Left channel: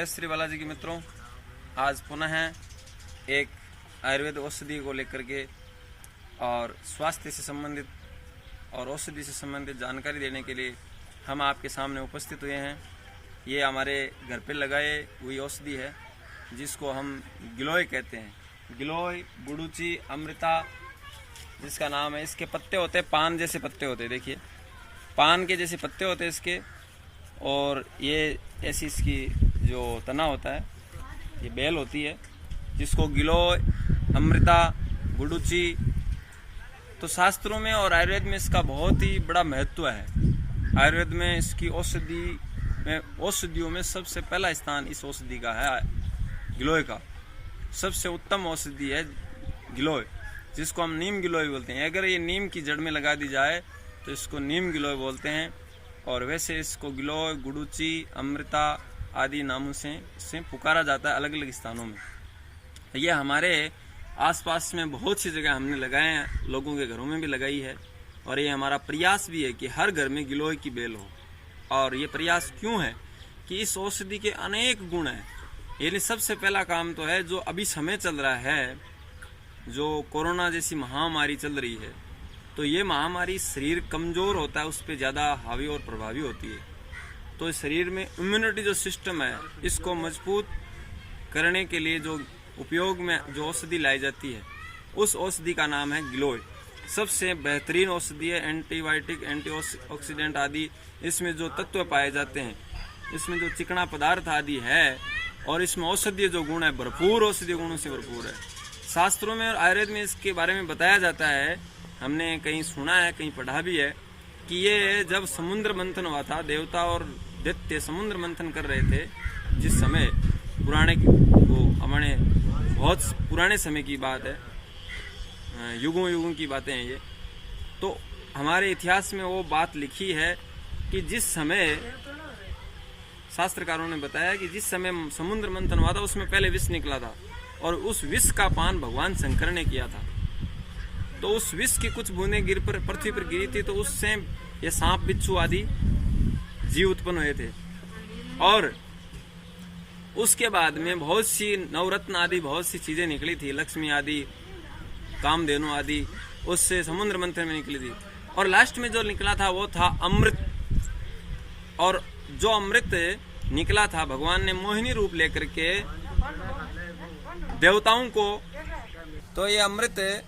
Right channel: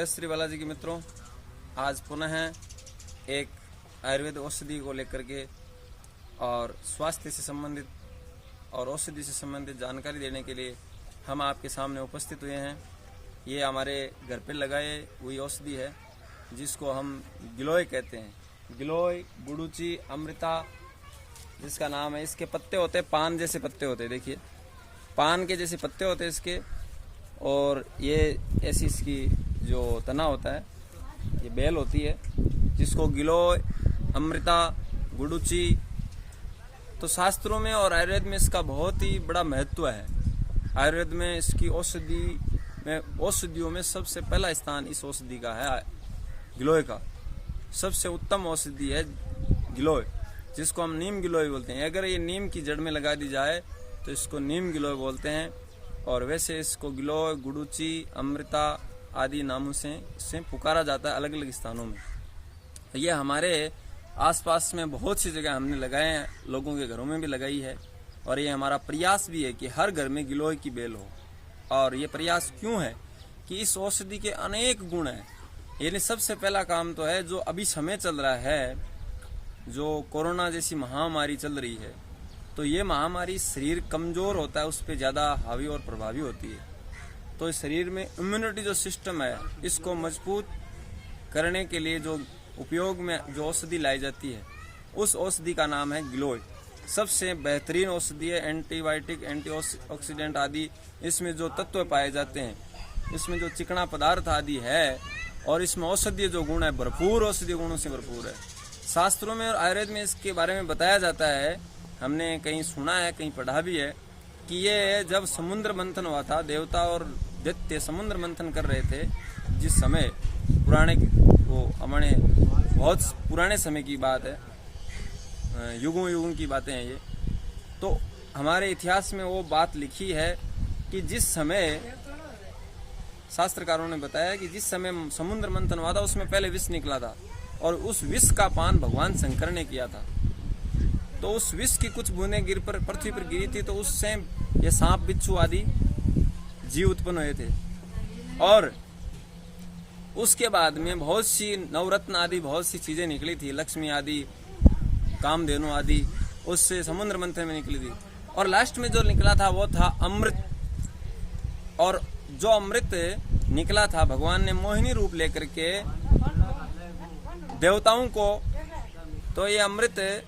जय श्री बालाजी के मित्रों, आज पुनः एक आयुर्वेद औषधि को लेकर के और स्वास्थ्य से संबंधित और औषधि से संबंधित जानकारी देने के लिए हम आपके सामने उपस्थित हुए हैं। ये हमारे घर पे लगाए हुई औषधि है जिसको हम गिलोय कहते हैं। गिलोय, गुडुचि, अमृता जिसका नाम है। इसके पत्ते होते हैं पान जैसे पत्ते होते हैं, देखिए पान के जैसे पत्ते होते हैं इसके। और ये ऐसी इसकी जो तना होता है, ये बेल होती है जिसको गिलोय, अमृता, गुडुचि। तो शास्त्रों में और आयुर्वेद में इसका बहुत ही बड़ा महत्व है। आयुर्वेद में इसकी औषधियों में सबसे पहला स्थान इस औषधि का है। गिलोय का सबसे उत्तम औषधि है गिलोय, जिसको हम नीम गिलोय बोलते हैं। अगर ये नीम की जड़ में लगा दी जाए तो इसको नीम गिलोय बोलते हैं। और वैसे इसको गिलोय, गुडुचि, अमृता आदि नामों से पुकारा जाता है अलग अलग स्थानों में। ये हमारे आसपास में बहुत सी जगह हमने लगाए हैं, लोगों के घरों में भी लगाई है। और ये हमारा प्रयास भी है कि हर घर में गिलोय की बेल हो। और ये प्रयास क्यों है कि इस औषधि के अनेक गुण हैं। यानी सबसे पहला काम तो है, जो अभी समय चल रहा है, जो कोरोना जैसी महामारी चल रही है, तो ये महामारी शरीर कमज़ोर होता है, उस पर ज़्यादा हावी और प्रभावी होती है। तो शरीर में इम्यूनिटी जो सिस्टम है, इसको मजबूत करने के लिए जो उपयोग में जो औषधि लाई जाती है, उस औषधि का नाम है गिलोय। सबसे बेहतरीन औषधि है। एंटीबायोटिक, एंटीऑक्सीडेंट आदि इसमें जो तत्व पाए जाते हैं, इसमें जो चिकना पदार्थ आदि है, और इसमें औषधीय जो गुण है, भरपूर औषधीय गुणों से भरपूर है। शास्त्रों में और आयुर्वेद में इसके बारे में बताया जाता है, हमने कहीं सुना है, कहीं पढ़ा भी है कि ये जब समुद्र मंथन हुआ था, देवता और दैत्य समुद्र मंथन कर रहे थे, जिस समय पुराने वो हमारे बहुत पुराने समय की बात है, युगों युगों की बातें हैं ये। तो हमारे इतिहास में वो बात लिखी है कि जिस समय शास्त्रकारों ने बताया कि जिस समय समुद्र मंथन हुआ था, उसमें पहले विष निकला था, और उस विष का पान भगवान शंकर ने किया था। तो उस विष की कुछ बूंदें पृथ्वी पर गिरी थी, तो उससे ये सांप, बिच्छू आदि जीव उत्पन्न हुए थे। और उसके बाद में बहुत सी नवरत्न आदि बहुत सी चीजें निकली थी, लक्ष्मी आदि, कामधेनु आदि, उससे समुद्र मंथन में निकली थी। और लास्ट में जो निकला था वो था अमृत। और जो अमृत निकला था, भगवान ने मोहिनी रूप लेकर के देवताओं को, तो ये अमृत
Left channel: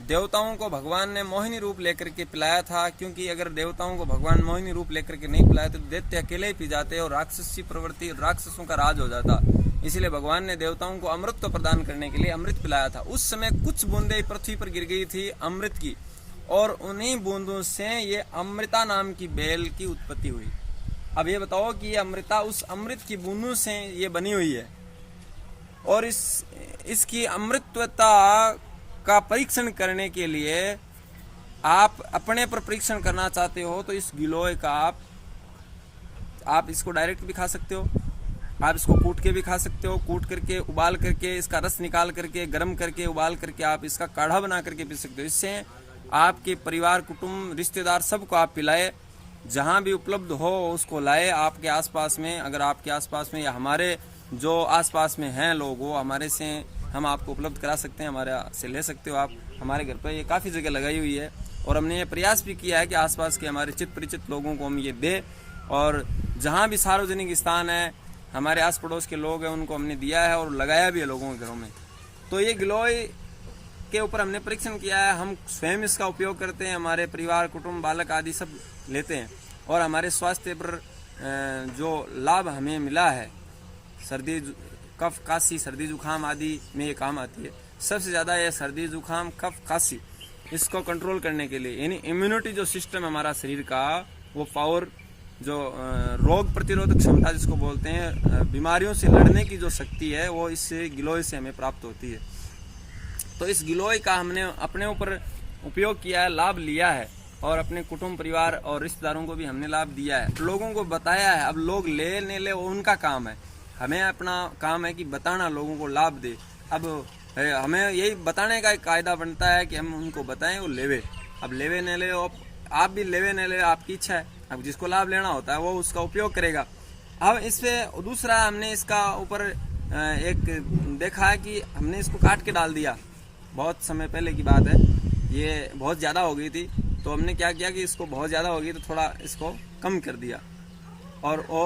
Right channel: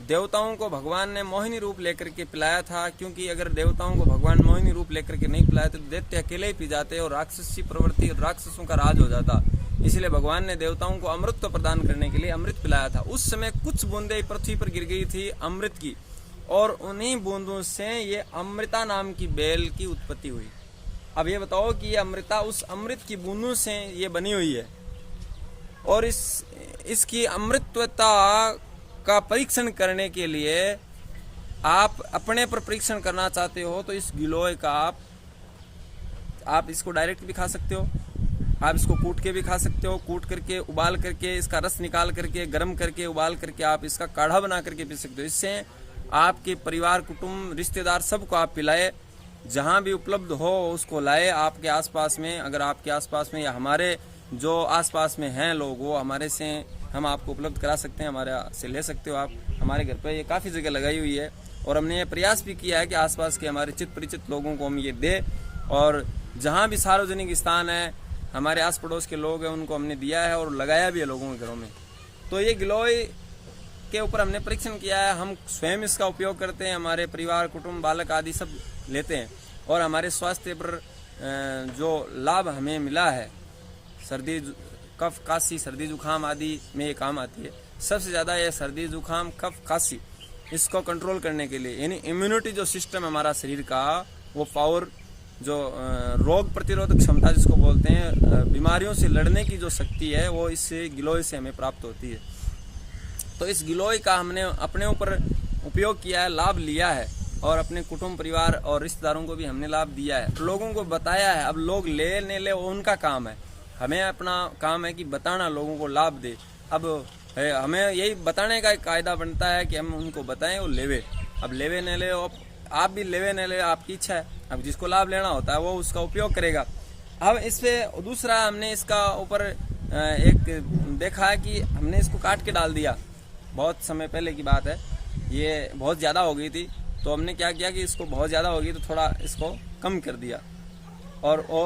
देवताओं को भगवान ने मोहिनी रूप लेकर के पिलाया था। क्योंकि अगर देवताओं को भगवान मोहिनी रूप लेकर के नहीं पिलाया तो दैत्य अकेले ही पी जाते और राक्षसी प्रवृत्ति, राक्षसों का राज हो जाता। इसलिए भगवान ने देवताओं को अमृत प्रदान करने के लिए अमृत पिलाया था। उस समय कुछ बूंदें पृथ्वी पर गिर गई थी अमृत की, और उन्हीं बूंदों से ये अमृता नाम की बेल की उत्पत्ति हुई। अब ये बताओ कि ये अमृता उस अमृत की बूंदों से ये बनी हुई है। और इसकी अमृतत्वता का परीक्षण करने के लिए आप अपने पर परीक्षण करना चाहते हो तो इस गिलोय का आप इसको डायरेक्ट भी खा सकते हो, आप इसको कूट के भी खा सकते हो। कूट करके, उबाल करके, इसका रस निकाल करके, गर्म करके, उबाल करके आप इसका काढ़ा बना करके पी सकते हो। इससे आपके परिवार, कुटुंब, रिश्तेदार सबको आप पिलाए। जहां भी उपलब्ध हो उसको लाए आपके आसपास में। अगर आपके आसपास में या हमारे जो आसपास में हैं लोग, वो हमारे से हम आपको उपलब्ध करा सकते हैं, हमारे से ले सकते हो आप। हमारे घर पर ये काफ़ी जगह लगाई हुई है, और हमने ये प्रयास भी किया है कि आसपास के हमारे चित परिचित लोगों को हम ये दें। और जहाँ भी सार्वजनिक स्थान है, हमारे आस पड़ोस के लोग हैं, उनको हमने दिया है और लगाया भी है लोगों के घरों में। तो ये गिलोय के ऊपर हमने परीक्षण किया है। हम स्वयं इसका उपयोग करते हैं, हमारे परिवार, कुटुंब, बालक आदि सब लेते हैं। और हमारे स्वास्थ्य पर जो लाभ हमें मिला है, सर्दी, कफ, काशी, सर्दी जुकाम आदि में ये काम आती है। सबसे ज़्यादा ये सर्दी जुकाम, कफ, काशी, इसको कंट्रोल करने के लिए, यानी इम्यूनिटी जो सिस्टम है हमारा शरीर का, वो पावर, जो रोग प्रतिरोधक क्षमता जिसको बोलते हैं, बीमारियों से लड़ने की जो शक्ति है, वो इस गिलोय से हमें प्राप्त होती है। तो इस गिलोय का हमने अपने ऊपर उपयोग किया है, लाभ लिया है, और अपने कुटुंब, परिवार और रिश्तेदारों को भी हमने लाभ दिया है, लोगों को बताया है। अब लोग ले नहीं ले, वो उनका काम है। हमें अपना काम है कि बताना, लोगों को लाभ दे। अब हमें यही बताने का एक कायदा बनता है कि हम उनको बताएं, वो लेवे। अब लेवे न ले, आप भी लेवे न ले, आपकी इच्छा है। अब जिसको लाभ लेना होता है वो उसका उपयोग करेगा। अब इस पे दूसरा हमने इसका ऊपर एक देखा है कि हमने इसको काट के डाल दिया। बहुत समय पहले की बात है, ये बहुत ज़्यादा हो गई थी, तो हमने क्या किया कि इसको बहुत ज़्यादा हो गई तो थोड़ा इसको कम कर दिया और वो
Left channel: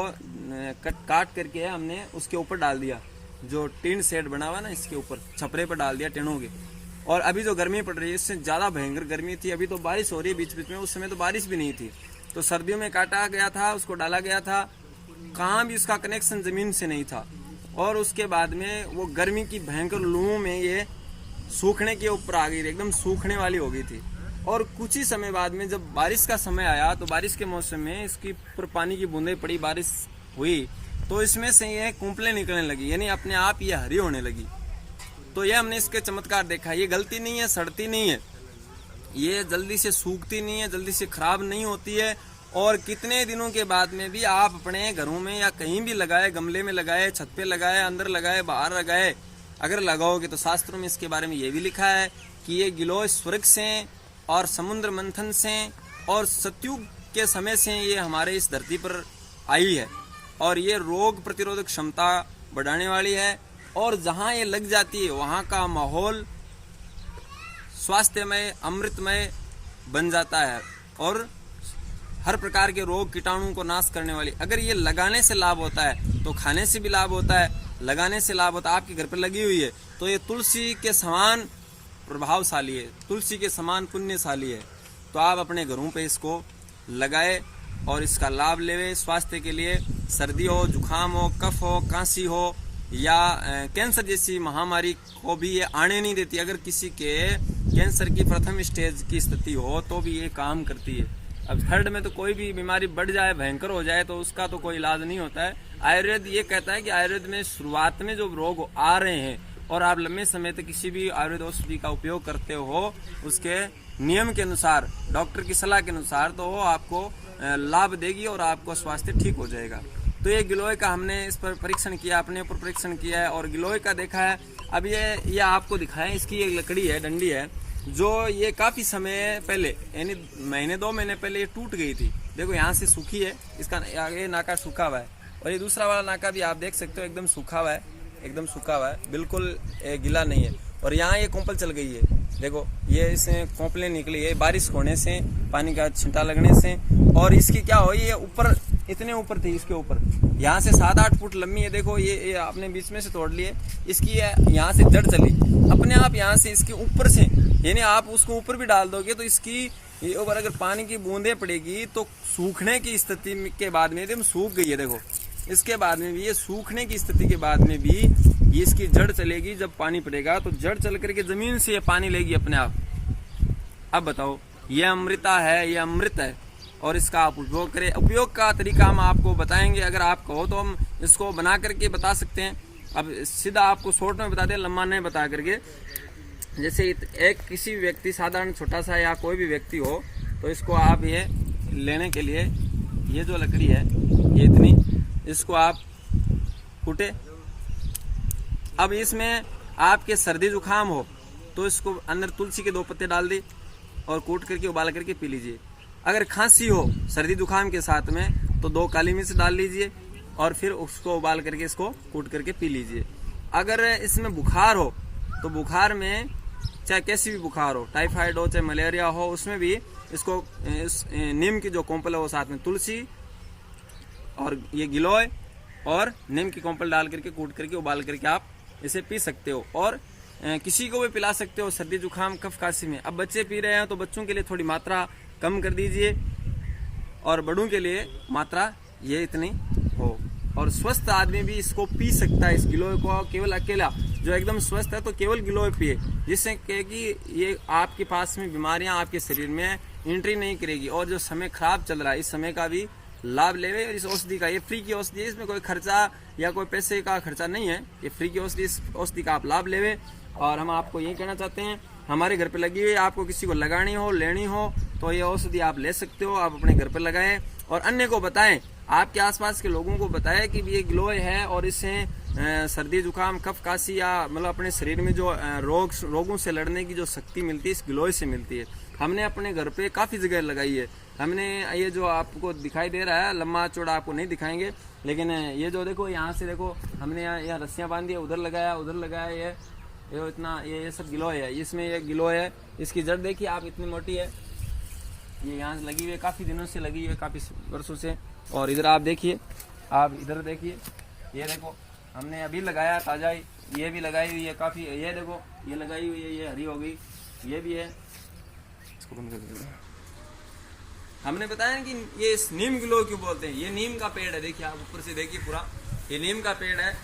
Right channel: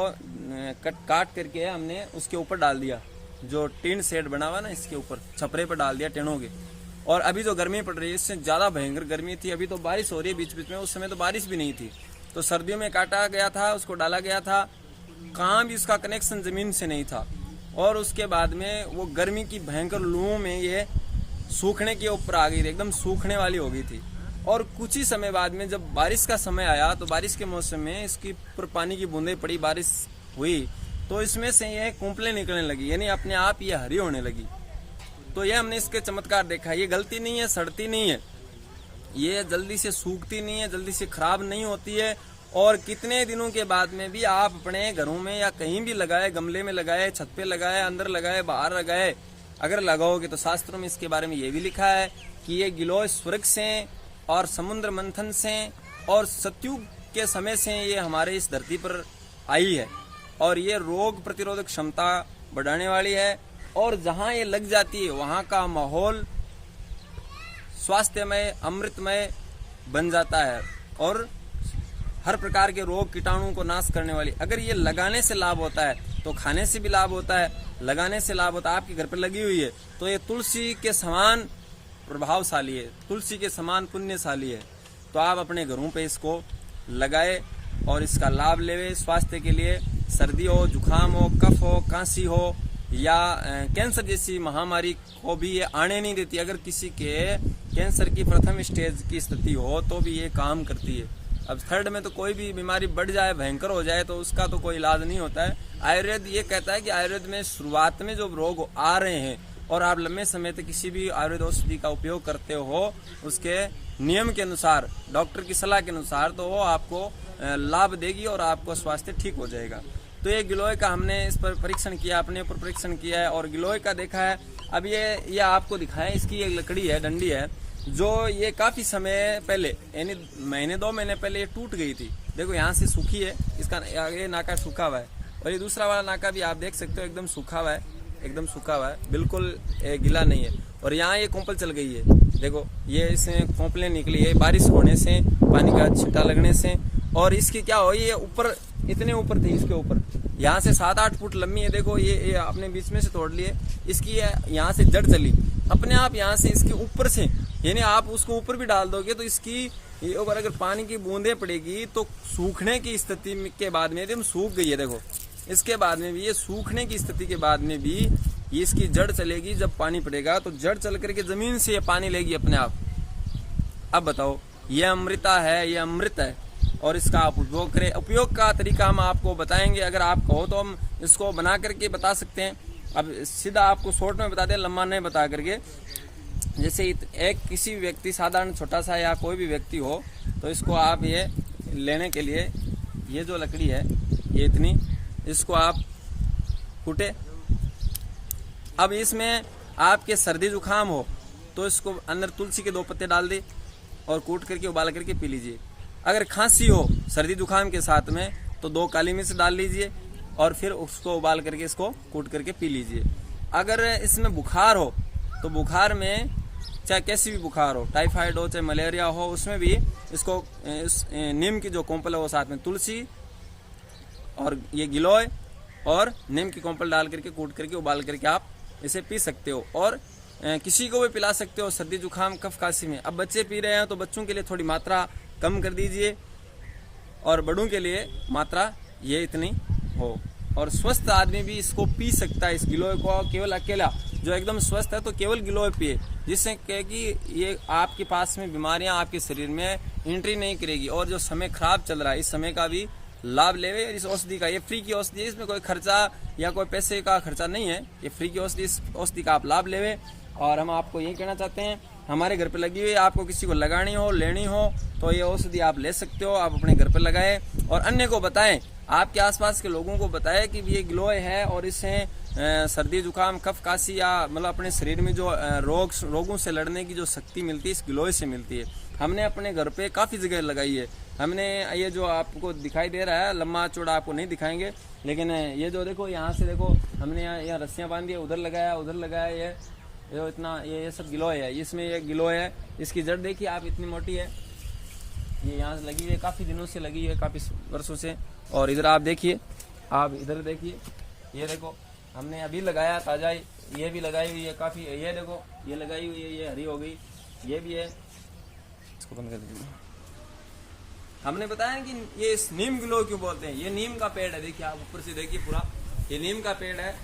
काट करके हमने उसके ऊपर डाल दिया। जो टीन शेड बना हुआ ना, इसके ऊपर छपरे पर डाल दिया टेनों के। और अभी जो गर्मी पड़ रही है, इससे ज़्यादा भयंकर गर्मी थी। अभी तो बारिश हो रही है बीच बीच में, उस समय तो बारिश भी नहीं थी। तो सर्दियों में काटा गया था, उसको डाला गया था, कहाँ भी उसका कनेक्शन ज़मीन से नहीं था। और उसके बाद में वो गर्मी की भयंकर लू में ये सूखने के ऊपर आ गई थी, एकदम सूखने वाली हो गई थी। और कुछ ही समय बाद में जब बारिश का समय आया, तो बारिश के मौसम में इसकी ऊपर पानी की बूंदें पड़ी, बारिश हुई, तो इसमें से ये कुंपलें निकलने लगी, यानी अपने आप ये हरी होने लगी। तो ये हमने इसके चमत्कार देखा। ये गलती नहीं है, सड़ती नहीं है, ये जल्दी से सूखती नहीं है, जल्दी से खराब नहीं होती है। और कितने दिनों के बाद में भी आप अपने घरों में या कहीं भी लगाए, गमले में लगाए, छत पे लगाए, अंदर लगाए, बाहर लगाए, अगर लगाओगे तो शास्त्रों में इसके बारे में ये भी लिखा है कि ये गिलोय स्वर्ग से और समुद्र मंथन से और सतयुग के समय से ये हमारे इस धरती पर आई है। और ये रोग प्रतिरोधक क्षमता बढ़ाने वाली है। और जहाँ ये लग जाती है वहाँ का माहौल स्वास्थ्यमय, अमृतमय बन जाता है और हर प्रकार के रोग कीटाणु को नाश करने वाली। अगर ये लगाने से लाभ होता है तो खाने से भी लाभ होता है, लगाने से लाभ होता है। आपके घर पर लगी हुई है तो ये तुलसी के समान प्रभावशाली है, तुलसी के समान पुण्यशाली है। तो आप अपने घरों पे इसको लगाए और इसका लाभ लेवे स्वास्थ्य के लिए। सर्दी हो, जुकाम हो, कफ हो, कांसी हो या कैंसर जैसी महामारी को भी ये आने नहीं देती। अगर किसी के कैंसर की प्रथम स्टेज की स्थिति हो तो भी ये काम करती है। अब थर्ड में तो कोई भी बीमारी बढ़ जाए, भयंकर हो जाए, तो उसका तो कोई इलाज नहीं होता है। आयुर्वेद ये कहता है कि आयुर्वेद में शुरुआत में जो रोग आ रहे हैं और आप लंबे समय तक किसी भी आयुर्वेद औषधि का उपयोग करते हो, उसके नियम के अनुसार, डॉक्टर की सलाह के अनुसार, तो वो आपको लाभ देगी और आपको स्वास्थ्य ठीक हो जाएगा। तो ये गिलोय का हमने इस पर परीक्षण किया, अपने ऊपर परीक्षण किया है और गिलोय का देखा है। अब ये आपको दिखाएं, इसकी एक लकड़ी है, डंडी है, जो ये काफी समय पहले, यानी महीने 2 महीने पहले ये टूट गई थी। देखो यहाँ से सूखी है, इसका ये नाका सूखा हुआ है और ये दूसरा वाला नाका भी आप देख सकते हो एकदम सूखा हुआ है, एकदम सूखा हुआ है, बिल्कुल गिला नहीं है। और यहाँ ये कोंपल चल गई है, देखो ये इसमें कोंपलें निकली है बारिश होने से, पानी का छिटा लगने से। और इसकी क्या हो, ये ऊपर इतने ऊपर थी, इसके ऊपर यहाँ से 7-8 फुट लंबी है। देखो ये आपने बीच में से तोड़ लिए, इसकी यहाँ से जड़ चली अपने आप, यहाँ से इसके ऊपर से, यानी आप उसको ऊपर भी डाल दोगे तो इसकी ऊपर अगर पानी की बूंदें पड़ेगी तो सूखने की स्थिति के बाद में एकदम सूख गई है। देखो इसके बाद में भी, ये सूखने की स्थिति के बाद में भी ये इसकी जड़ चलेगी। जब पानी पड़ेगा तो जड़ चल करके जमीन से ये पानी लेगी अपने आप। अब बताओ, ये अमृता है, ये अमृत है और इसका आप उपयोग करें। उपयोग का तरीका हम आपको बताएंगे, अगर आप कहो तो हम इसको बना करके बता सकते हैं। अब सीधा आपको शॉर्ट में बता दें, लंबा नहीं बता करके। जैसे एक किसी व्यक्ति, साधारण छोटा सा या कोई भी व्यक्ति हो, तो इसको आप ये लेने के लिए, ये जो लकड़ी है ये इतनी, इसको आप कूटे। अब इसमें आपके सर्दी जुकाम हो तो इसको अंदर तुलसी के 2 पत्ते डाल दे और कूट करके उबाल करके पी लीजिए। अगर खांसी हो सर्दी जुकाम के साथ में तो 2 काली मिर्च डाल लीजिए और फिर उसको उबाल करके इसको कूट करके पी लीजिए। अगर इसमें बुखार हो तो बुखार में, चाहे कैसी भी बुखार हो, टाइफाइड हो चाहे मलेरिया हो, उसमें भी इसको नीम की जो कोंपल है वो साथ में तुलसी और ये गिलोय और नीम की कोंपल डाल करके कूट करके उबाल करके आप इसे पी सकते हो। और किसी को भी पिला सकते हो सर्दी जुकाम कफ काशी में। अब बच्चे पी रहे हैं तो बच्चों के लिए थोड़ी मात्रा कम कर दीजिए और बड़ों के लिए मात्रा ये इतनी हो। और स्वस्थ आदमी भी इसको पी सकता है, इस गिलोय को केवल अकेला। जो एकदम स्वस्थ है तो केवल गिलोय पिए, जिससे कि ये आपके पास में बीमारियां आपके शरीर में एंट्री नहीं करेगी। और जो समय खराब चल रहा है, इस समय का भी लाभ लेवे। इस औषधि का, ये फ्री की औषधि है, इसमें कोई खर्चा या कोई पैसे का खर्चा नहीं है, ये फ्री की औषधि, इस औषधि का आप लाभ लेवे। और हम आपको यही कहना चाहते हैं, हमारे घर पे लगी हुई, आपको किसी को लगानी हो, लेनी हो तो ये औषधि आप ले सकते हो, आप अपने घर पे लगाएं और अन्य को बताएं, आपके आसपास के लोगों को बताएं कि ये गिलोय है और इससे सर्दी जुकाम कफ काशी या मतलब अपने शरीर में जो रोगों से लड़ने की जो शक्ति मिलती है इस गिलोय से मिलती है। हमने अपने घर पे काफी जगह लगाई है, हमने ये जो आपको दिखाई दे रहा है लंबा चौड़ा आपको नहीं दिखाएंगे, लेकिन ये जो देखो यहाँ से देखो हमने यहाँ रस्सियाँ बांधी है, उधर लगाया ये इतना ये सब गिलोय है, इसमें ये गिलोय है। इसकी जड़ देखिए आप, इतनी मोटी है, ये यहाँ से लगी हुई है, काफी दिनों से लगी हुई है, काफी वर्षों से। और इधर आप देखिए, आप इधर देखिए, ये देखो हमने अभी लगाया ताजा, ये भी लगाई हुई है काफी, ये देखो ये लगाई हुई है, ये हरी हो गई, ये भी है। इसको बंद कर दीजिए। हमने बताया कि ये नीम गिलोय क्यों बोलते हैं, ये नीम का पेड़ है, देखिए आप ऊपर से देखिए पूरा, ये नीम का पेड़ है।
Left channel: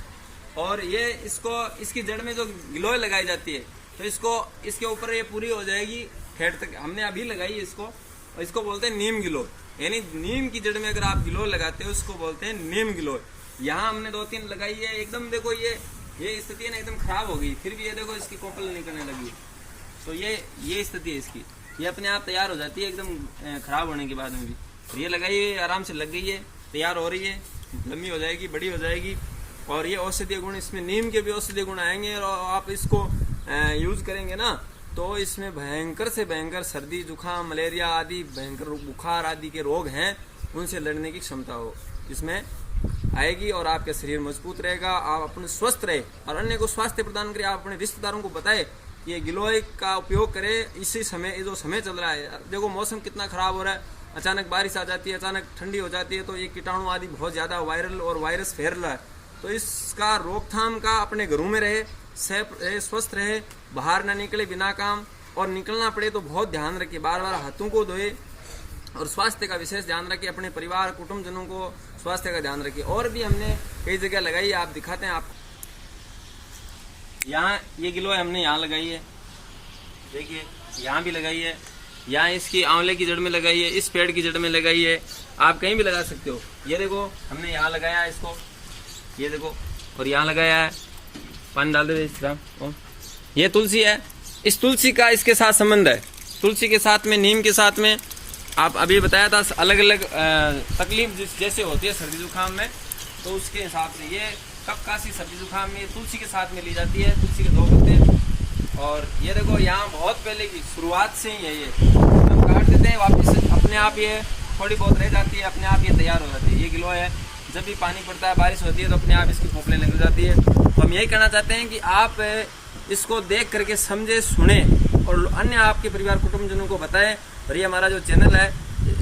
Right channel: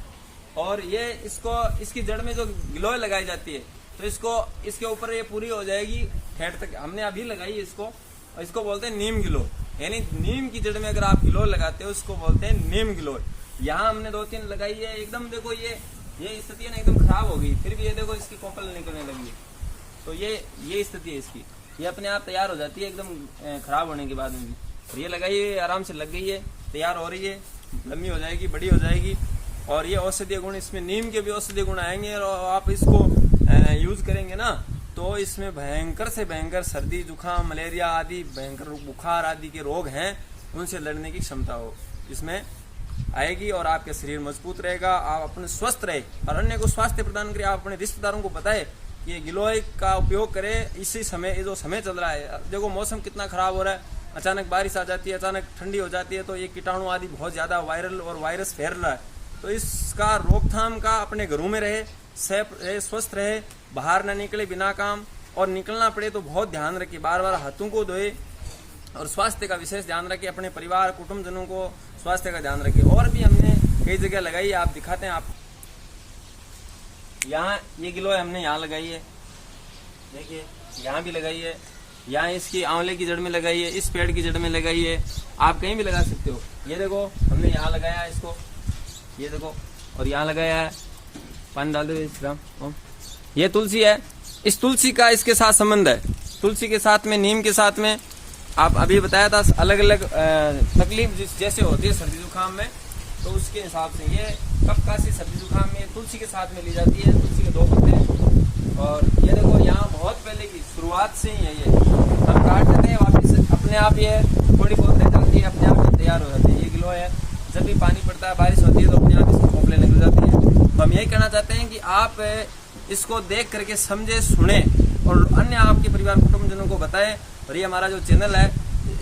और ये इसकी जड़ में जो गिलोय लगाई जाती है, तो इसके ऊपर ये पूरी हो जाएगी हेड तक। हमने अभी लगाई है इसको, और इसको बोलते हैं नीम गिलोय, यानी नीम की जड़ में अगर आप गिलोय लगाते हो इसको बोलते हैं नीम गिलोय। यहाँ हमने 2-3 लगाई है, एकदम देखो ये स्थिति है ना, एकदम खराब हो गई, फिर भी ये देखो इसकी कोपल निकलने लगी। तो ये स्थिति है इसकी, ये अपने आप तैयार हो जाती है एकदम खराब होने के बाद में भी। ये लगाई है, आराम से लग गई है, तैयार हो रही है, लंबी हो जाएगी, बड़ी हो जाएगी। और ये औषधीय गुण, इसमें नीम के भी औषधीय गुण आएंगे, और आप इसको यूज करेंगे ना तो इसमें भयंकर से भयंकर सर्दी जुकाम मलेरिया आदि भयंकर बुखार आदि के रोग हैं, उनसे लड़ने की क्षमता हो इसमें आएगी, और आपका शरीर मजबूत रहेगा, आप अपने स्वस्थ रहे और अन्य को स्वास्थ्य प्रदान करें। आप अपने रिश्तेदारों को बताएं कि ये गिलोय का उपयोग करें। इसी समय, ये जो समय चल रहा है, देखो मौसम कितना खराब हो रहा है, अचानक बारिश आ जाती है, अचानक ठंडी हो जाती है, तो ये कीटाणु आदि बहुत ज्यादा वायरल और वायरस फैल रहा है। तो इसका रोकथाम का अपने घरों में रहे, स्वस्थ रहे, बाहर ना निकले बिना काम, और निकलना पड़े तो बहुत ध्यान रखिए, बार बार हाथों को धोए, और स्वास्थ्य का विशेष ध्यान रखिए, अपने परिवार कुटुंबजनों को स्वास्थ्य का ध्यान रखिए। और भी हमने कई जगह लगाई है, आप दिखाते हैं। आप यहाँ ये गिलोय हमने यहाँ लगाई है, देखिए यहाँ भी लगाई है, यहाँ इसकी आंवले की जड़ में लगाई है, इस पेड़ की जड़ में लगाई है, आप कहीं भी लगा सकते हो। ये देखो हमने यहाँ लगाया है इसको, ये देखो, और यहाँ लगाया है, पानी डाल दे इस तरह। ये तुलसी है, इस तुलसी का इसके साथ संबंध है, तुलसी के साथ में, नीम के साथ में। आप अभी बताया था अलग अलग तकलीफ जैसे होती है सर्दी जुकाम में, तो उसके हिसाब से ये कफ काशी सर्दी जुकाम में तुलसी के साथ में ली जाती है, तुलसी के 2 पत्ते। और ये देखो यहाँ बहुत पहले की शुरुआत से ही है, ये हम काट देते हैं, वापस अपने आप ये थोड़ी बहुत रह जाती है, अपने आप ये तैयार हो जाती है। ये गिलोय है, जब भी पानी पड़ता है, बारिश होती है, तो अपने आप इसकी कोपलें लग जाती है। तो हम यही कहना चाहते हैं कि आप इसको देख करके समझे, सुने, और अन्य आपके परिवार कुटुंबजनों को बताएं। और ये हमारा जो चैनल है,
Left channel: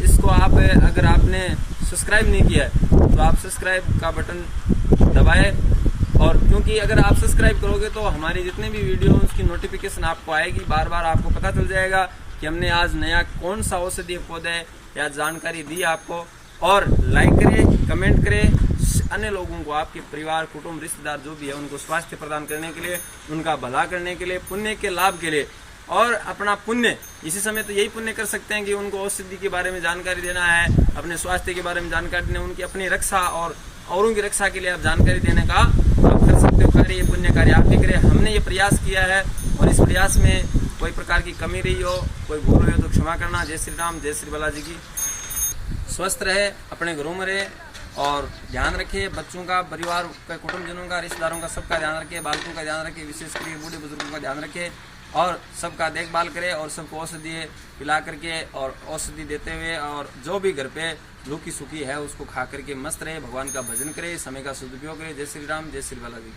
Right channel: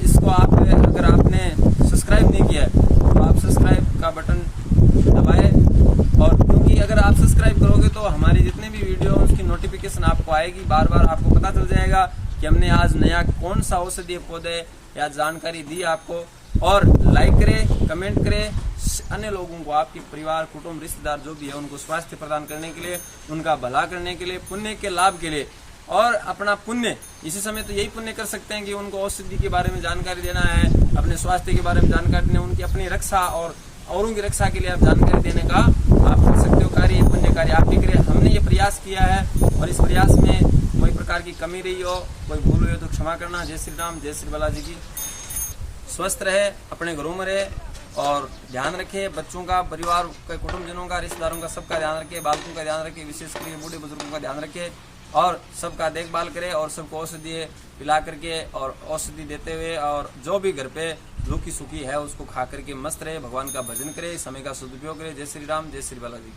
इसको आप अगर आपने सब्सक्राइब नहीं किया है तो आप सब्सक्राइब का बटन दबाएं, और क्योंकि अगर आप सब्सक्राइब करोगे तो हमारी जितने भी वीडियो उसकी नोटिफिकेशन आपको आएगी, बार बार आपको पता चल जाएगा कि हमने आज नया कौन सा औषधीय पौधे या जानकारी दी आपको। और लाइक करें, कमेंट करें, अन्य लोगों को, आपके परिवार कुटुंब रिश्तेदार जो भी है, उनको स्वास्थ्य प्रदान करने के लिए, उनका भला करने के लिए, पुण्य के लाभ के लिए, और अपना पुण्य इसी समय तो यही पुण्य कर सकते हैं कि उनको औषधि के बारे में जानकारी देना है, अपने स्वास्थ्य के बारे में जानकारी देना, उनकी अपनी रक्षा और औरों की रक्षा के लिए आप जानकारी देने का आप कर सकते हो कार्य, ये पुण्य कार्य आप भी करें। हमने ये प्रयास किया है, और इस प्रयास में कोई प्रकार की कमी रही हो, कोई भूल हुई हो तो क्षमा करना। जय श्री राम, जय श्री बालाजी की। स्वस्थ रहे, अपने घरों में रहे, और ध्यान रखे बच्चों का, परिवार के कुटुंबजनों का, रिश्तेदारों का, सबका ध्यान रखे, बालकों का ध्यान रखे, विशेष करके बूढ़े बुजुर्गों का ध्यान रखे, और सबका देखभाल करे, और सबको औषधि पिला करके और औषधि देते हुए, और जो भी घर पे रूखी सूखी है उसको खा करके मस्त रहे, भगवान का भजन करे, समय का सदुपयोग करे। जय श्री राम, जय श्री बालाजी।